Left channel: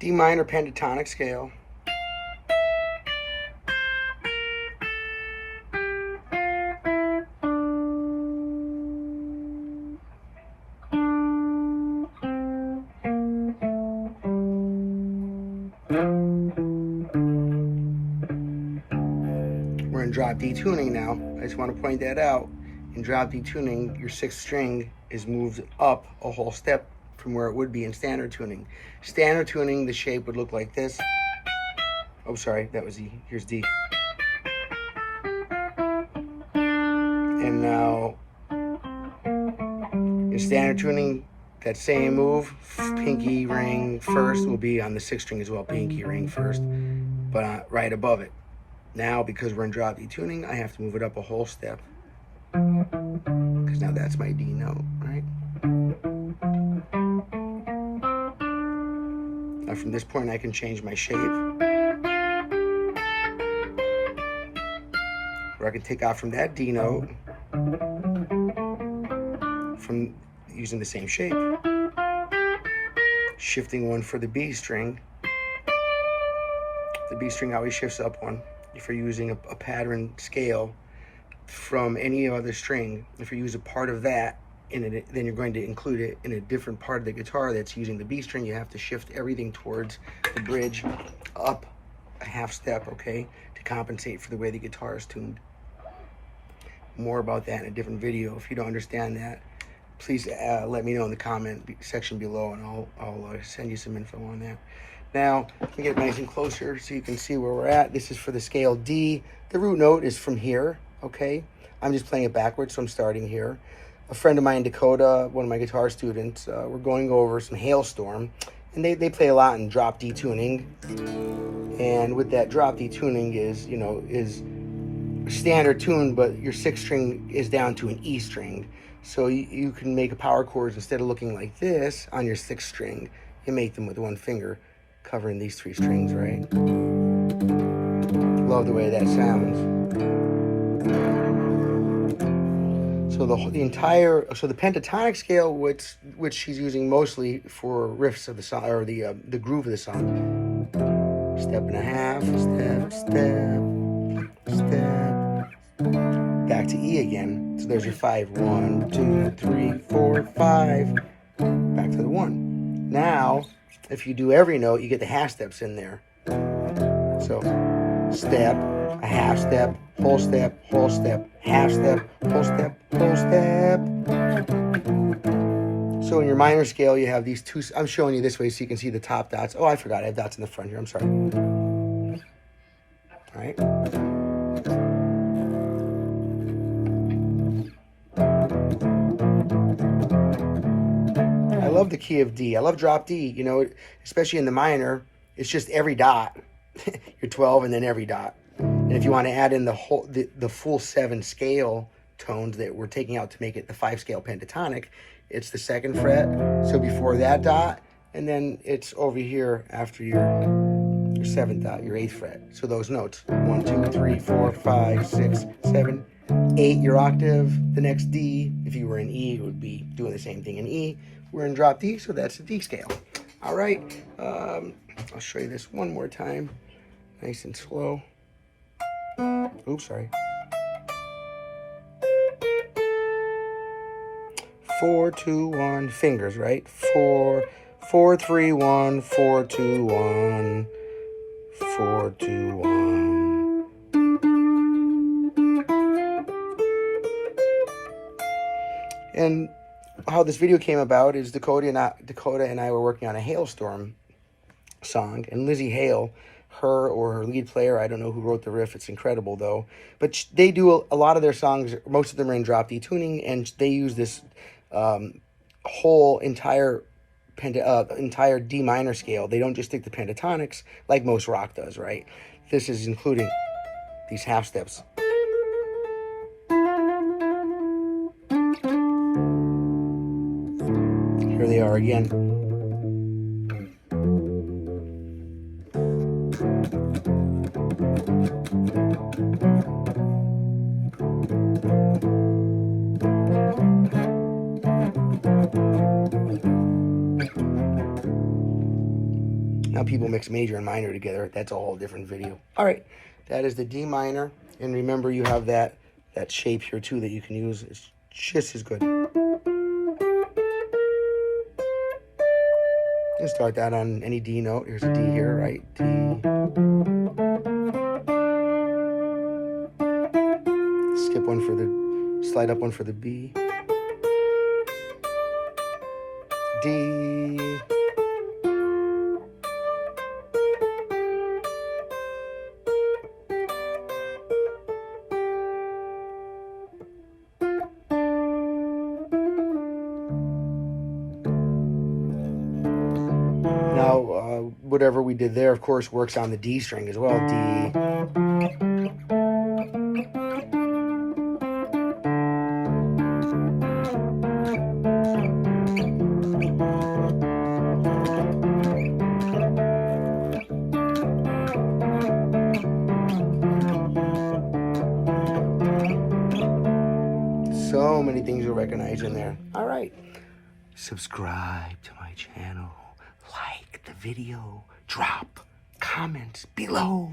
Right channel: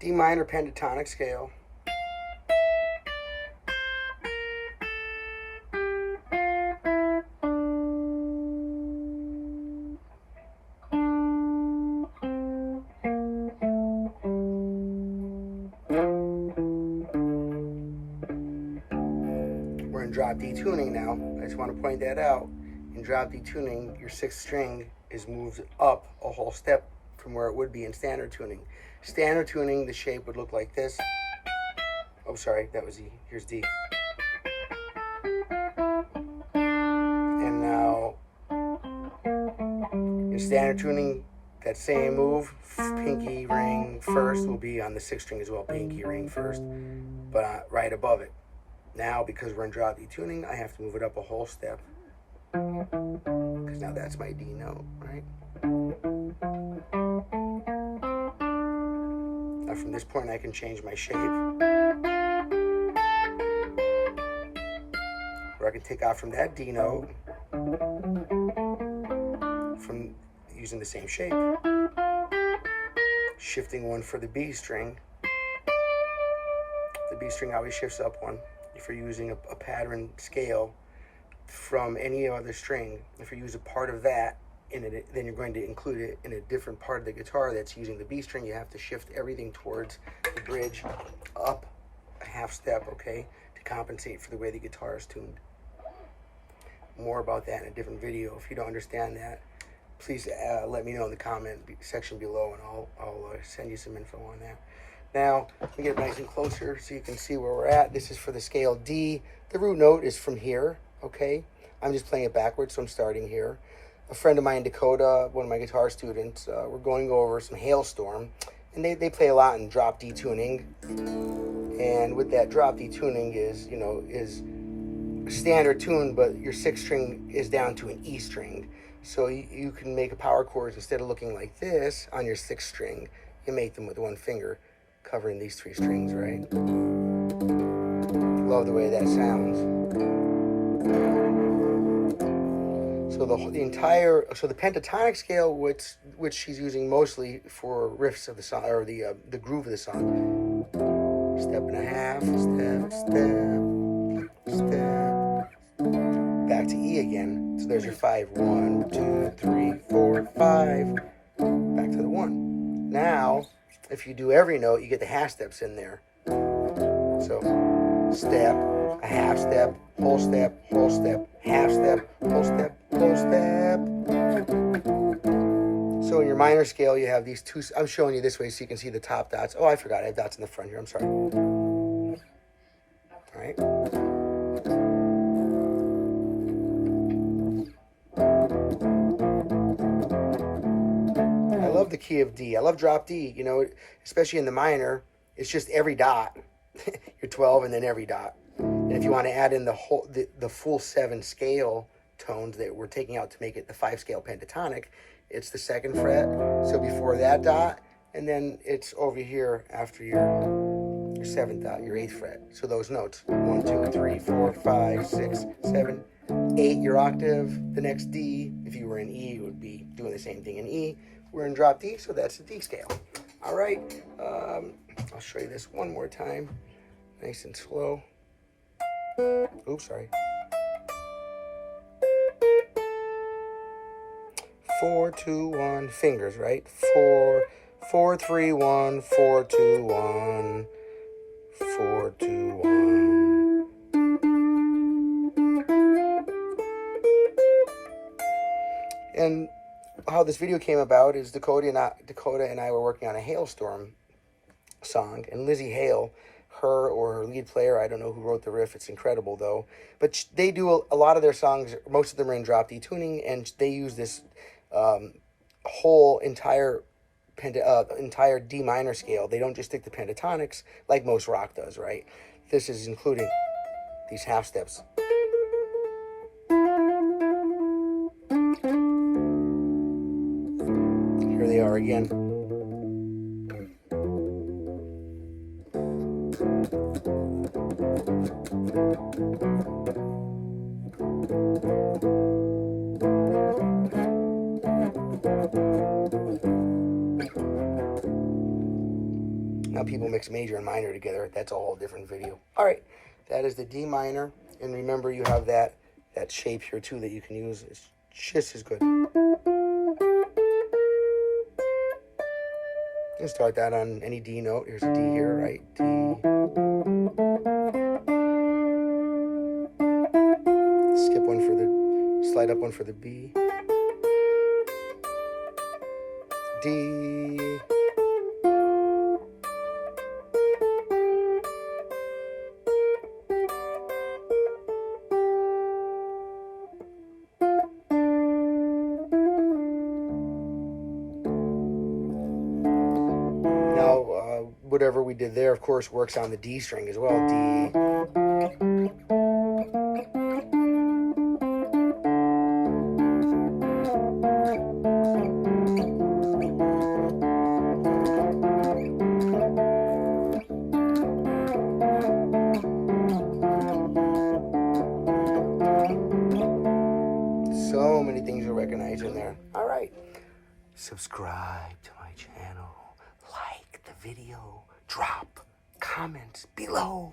D minor pentatonic scale. We're in drop D tuning now. I just want to point that out. In drop D tuning, your sixth string is moved up a whole step from where it would be in standard tuning. Standard tuning, the shape would look like this. Oh, sorry, that was E. Here's D. And now, in standard tuning, that same move, pinky ring first, will be on the sixth string as well, pinky ring first, but right above it. Now, because we're in drop D tuning, I have to move it up a whole step. Because now that's my D note, right? Now from this point I can change my shape. Or I can take off from that D note from using the same shape. Shifting one for the B string. The B string always shifts up one. If you're using a pattern scale from any other string, if you use a part of that in it, then you're going to include it in a different part of the guitar that's using the B string. You have to shift everything towards the bridge up a half step, okay, to compensate for the way the guitar is tuned. More about that in a different video. If you don't understand that, please let me know in the comment section below, and I'll send you some info on that. Now, let me get nice and closer so you can see where we're at. This is for the scale D. The root note is from here, okay? I'm just playing it backwards, so I'm starting here. A friend of mine, Dakota, one of my guitar students, we're going over some Hailstorm, and they play a lot in drop D tuning. And with that drop D tuning is standard tune, but your sixth string is down to an E string. So you can make a power chords, instead of looking like this on your sixth string, you make them with one finger, covering these three strings, right? Love the way that sounds. So the pentatonic scale, which she's using mostly for riffs of the song, or the groove of the song. Step and a half, step, step, step. Back to E again. So there's your 5. 1, 2, 3, 4, 5. Back to the 1. Now, if you do every note, you get the half steps in there. So, step, a half step, whole step, half step, whole step, whole step. So in your minor scale, you have these two. I'm showing you this way so you can see the top dots. Oh, I forgot, I have dots in the front here. I'm sorry. All right. I love the key of D. I love drop D, you know, especially in the minor. It's just every dot. You're 12 and then every dot. And if you want to add in the full 7 scale tones that we're taking out to make it the 5 scale pentatonic, it's the 2nd fret. So before that dot, and then it's over here after your 7th dot, your 8th fret. So those notes, 1, 2, 3, 4, 5, 6, 7, 8, your octave. The next D, if you were in E, it would be doing the same thing in E. We're in drop D, so that's the D scale. All right, I'll show you this one more time, nice and slow. Oops, sorry. 4, 2, 1, fingers, right? 4, 4, 3, 1, 4, 2, 1, 4, 2, 1. And how this video came about is Dakota and I were working on a Hailstorm song, and Lizzie Hale, her or her lead player, I don't know who wrote the riff, it's incredible though, but they do a lot of their songs, most of them are in drop D tuning, and they use this whole entire D minor scale. They don't just stick to pentatonics like most rock does, right? This is including these half steps. Here they are again. Now people mix major and minor together. That's a whole different video. All right, that is the D minor. And remember, you have that shape here too that you can use. It's just as good. Let's start that on any D note. Here's a D here, right? D. Skip one for the, slide up one for the B. D. Now, whatever we did there, of course, works on the D string as well. D. So many things you'll recognize in there. All right. Subscribe to my channel. Like the video. Drop comments below.